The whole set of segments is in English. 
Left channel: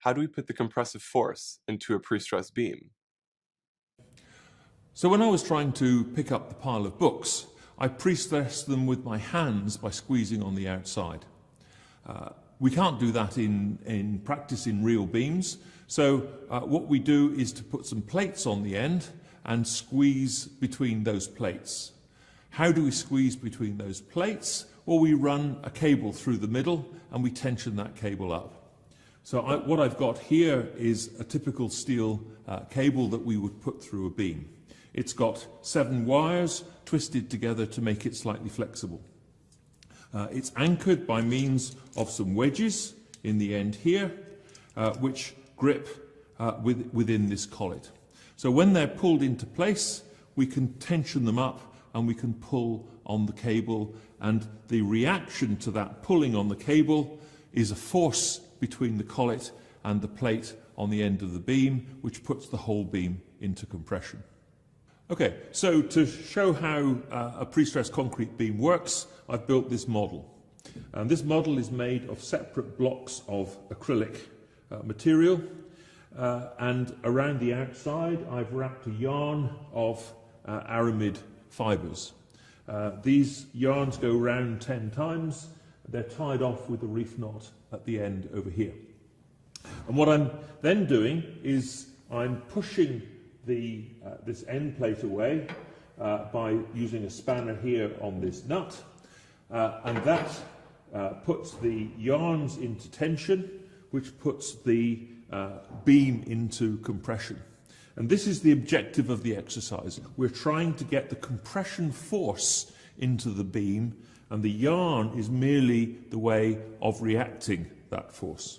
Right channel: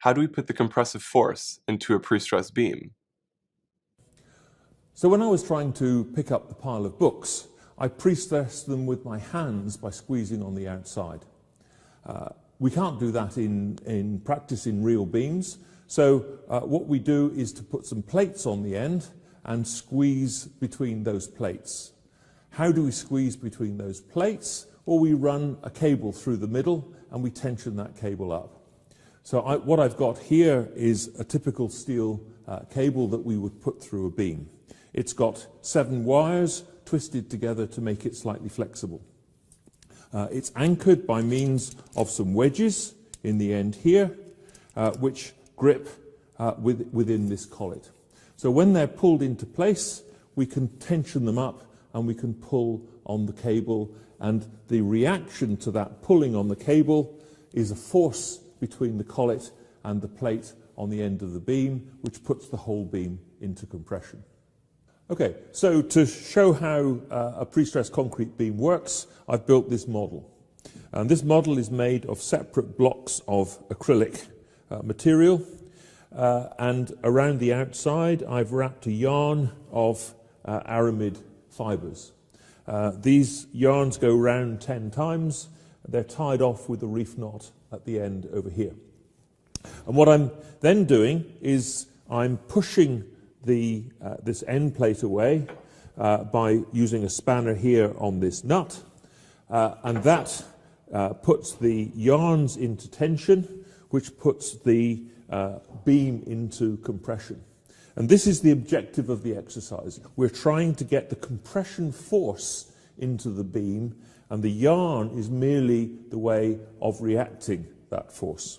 How do we put the compressive force into a pre-stressed beam? So when I was trying to pick up the pile of books, I pre-stressed them with my hands by squeezing on the outside. We can't do that in practice in real beams, so what we do is to put some plates on the end and squeeze between those plates. How do we squeeze between those plates? Well, we run a cable through the middle and we tension that cable up. So what I've got here is a typical steel cable that we would put through a beam. It's got 7 wires twisted together to make it slightly flexible. It's anchored by means of some wedges in the end here, which grip within this collet. So when they're pulled into place, we can tension them up and we can pull on the cable, and the reaction to that pulling on the cable is a force between the collet and the plate on the end of the beam, which puts the whole beam into compression. Okay, so to show how a pre-stressed concrete beam works, I've built this model. And this model is made of separate blocks of acrylic material, and around the outside I've wrapped a yarn of aramid fibres. These yarns go round 10 times. They're tied off with a reef knot at the end over here. And what I'm then doing is I'm pushing this end plate away by using a spanner here on this nut, and that puts the yarns into tension, which puts the beam into compression. And this is the objective of the exercise. We're trying to get the compression force into the beam, and the yarn is merely the way of reacting that force.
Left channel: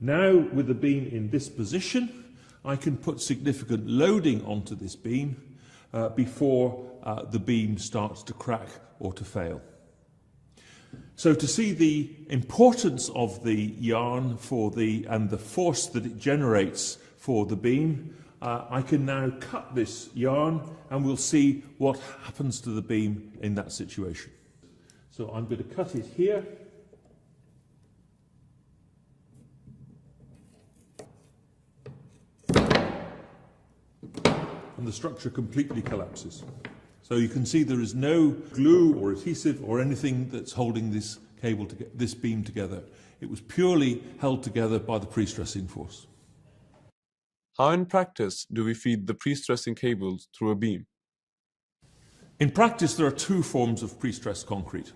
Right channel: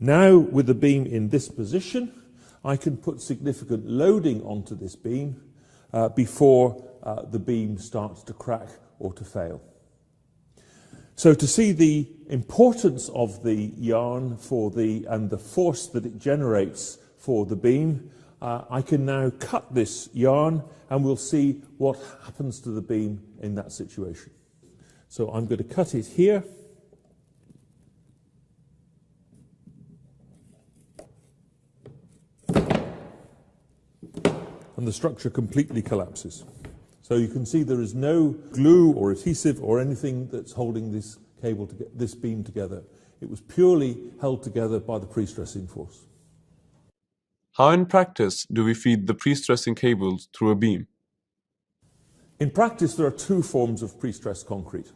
Now, with the beam in this position, I can put significant loading onto this beam before the beam starts to crack or to fail. So to see the importance of the yarn and the force that it generates for the beam, I can now cut this yarn and we'll see what happens to the beam in that situation. So I'm going to cut it here. And the structure completely collapses. So you can see there is no glue or adhesive or anything that's holding this this beam together. It was purely held together by the pre-stressing force. How in practice do we feed the pre-stressing cables through a beam? In practice, there are 2 forms of pre-stressed concrete.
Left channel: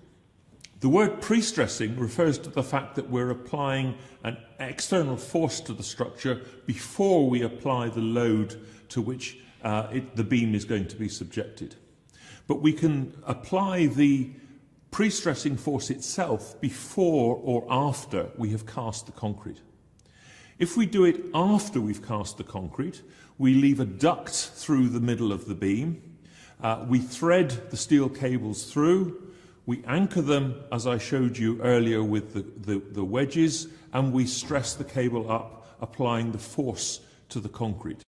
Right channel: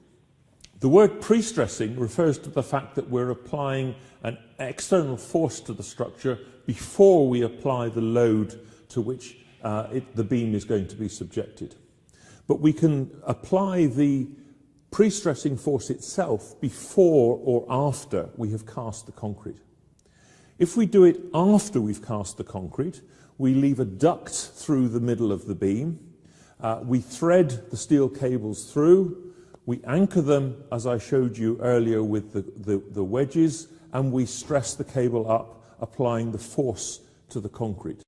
The word pre-stressing refers to the fact that we're applying an external force to the structure before we apply the load to which the beam is going to be subjected. But we can apply the pre-stressing force itself before or after we have cast the concrete. If we do it after we've cast the concrete, we leave a duct through the middle of the beam, we thread the steel cables through, we anchor them, as I showed you earlier, with the wedges, and we stress the cable up, applying the force to the concrete.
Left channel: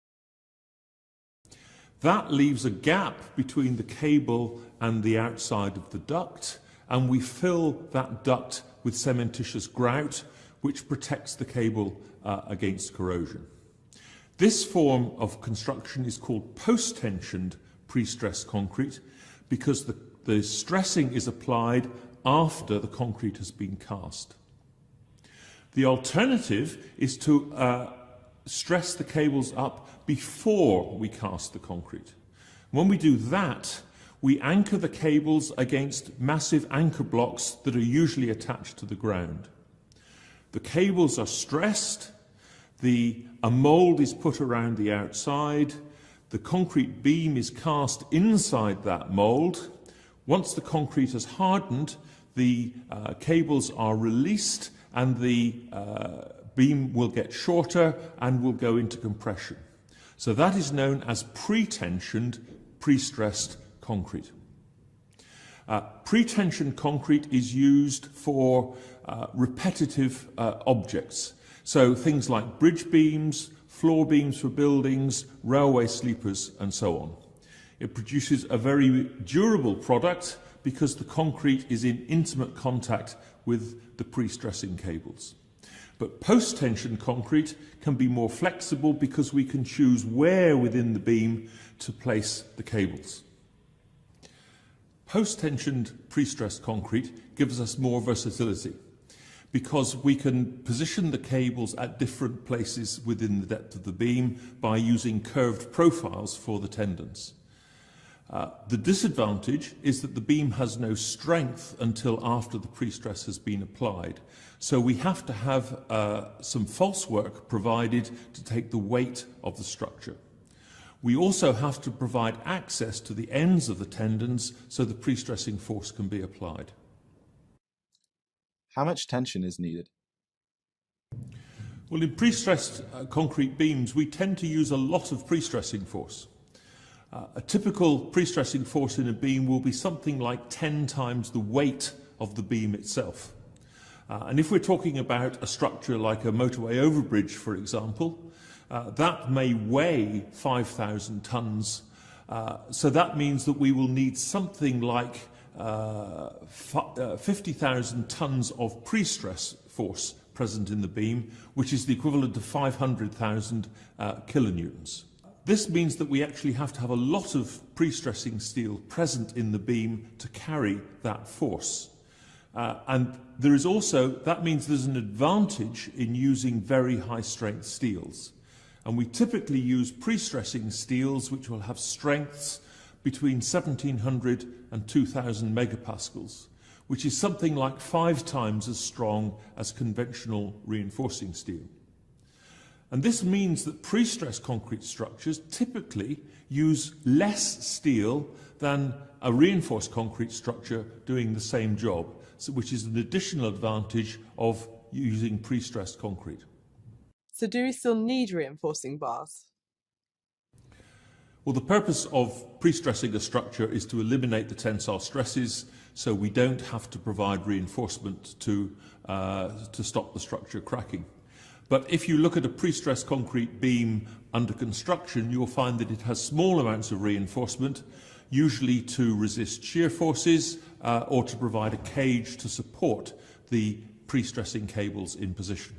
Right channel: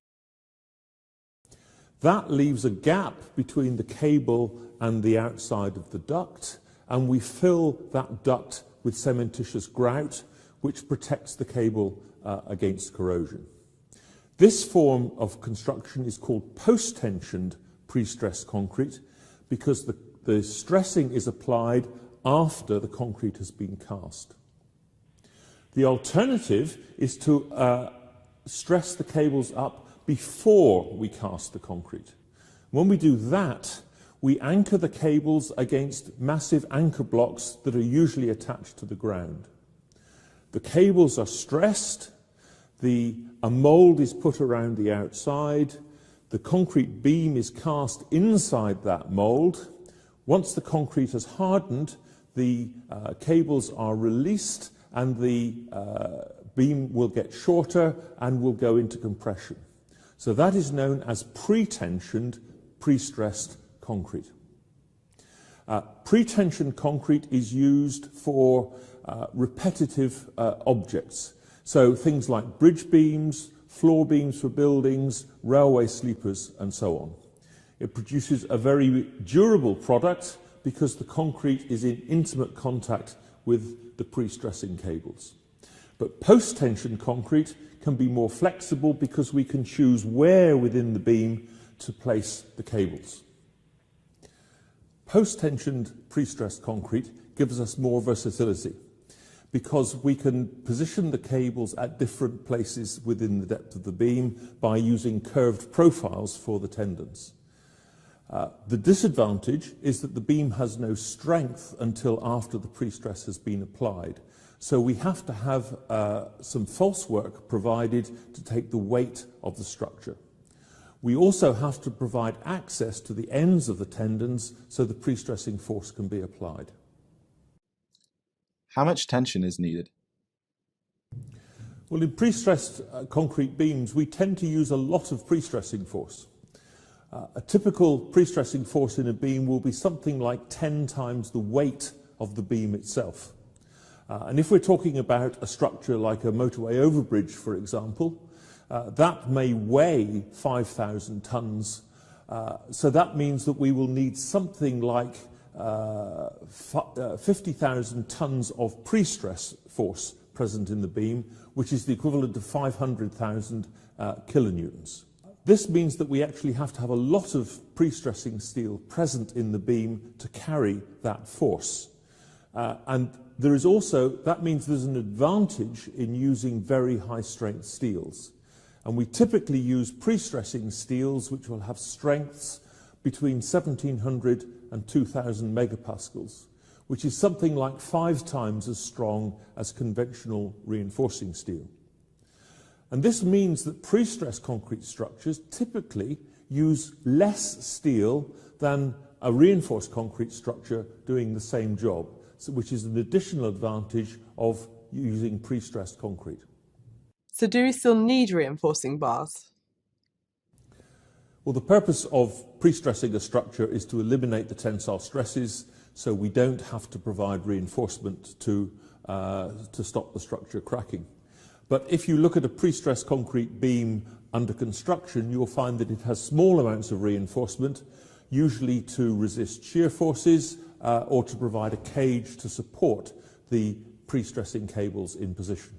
That leaves a gap between the cable and the outside of the duct, and we fill that duct with cementitious grout, which protects the cable against corrosion. This form of construction is called post-tensioned pre-stressed concrete because the stressing is applied after the concrete has been cast. The alternative is to stress the cables up before we cast the concrete. When we do that, we anchor the cables against massive anchor blocks that are usually attached to the ground. The cables are stressed, a mould is put around the outside, the concrete beam is cast inside that mould. Once the concrete has hardened, the cables are released and the beam will get shorter and will go into compression. So that is known as pre-tensioned, pre-stressed concrete. Pre-tensioned concrete is used for repetitive objects. So things like bridge beams, floor beams for buildings, railway sleepers, and so on. It produces a very durable product because the concrete is in intimate contact with the pre-stressing cables. But post-tension concrete can be more flexible because we can choose where within the beam to place the cables. Post-tensioned pre-stressed concrete gives us more versatility because we can position the cables at different places within the depth of the beam by using curved profiles for the tendons. The disadvantage is that the beam has no strength until after the pre-stress has been applied. So we have to have some false work provided to take the weight of the structure. We also have to provide access to the ends of the tendons so the pre-stressing force can be applied. How much tension is needed? Well, in pre-stressed concrete beams, we tend to use a lot of pre-stressing force. A typical pre-stressing force in a beam will be something like 10 times the weight of the beam itself. And if we're talking about a structure like a motorway overbridge, for example, that may weigh 5,000 tons. So that means that we will need something like 50,000 tons of pre-stress force present in the beam, which is the equivalent of 500,000 kilonewtons. This means that we actually have to have a lot of pre-stressing steel present in the beam to carry that force. And there is also, that means there's an advantage in using very high strength steels. And we typically use pre-stressing steels which will have strengths between 1700 and 2000 megapascals, which is something like 5 times as strong as conventional reinforcing steel. And this means that pre-stressed concrete structures typically use less steel than a reinforced concrete structure doing the same job, which is an additional advantage of using pre-stressed concrete. So do we still need reinforcing bars? Well, the purpose of pre-stressing a structure is to eliminate the tensile stresses so we don't have to provide reinforcement to stop the structure cracking. But if you look at a pre-stressed concrete beam under construction, you'll find that it has small amounts of reinforcement, usually to resist shear forces or to provide a cage to support the pre-stressing cables in position.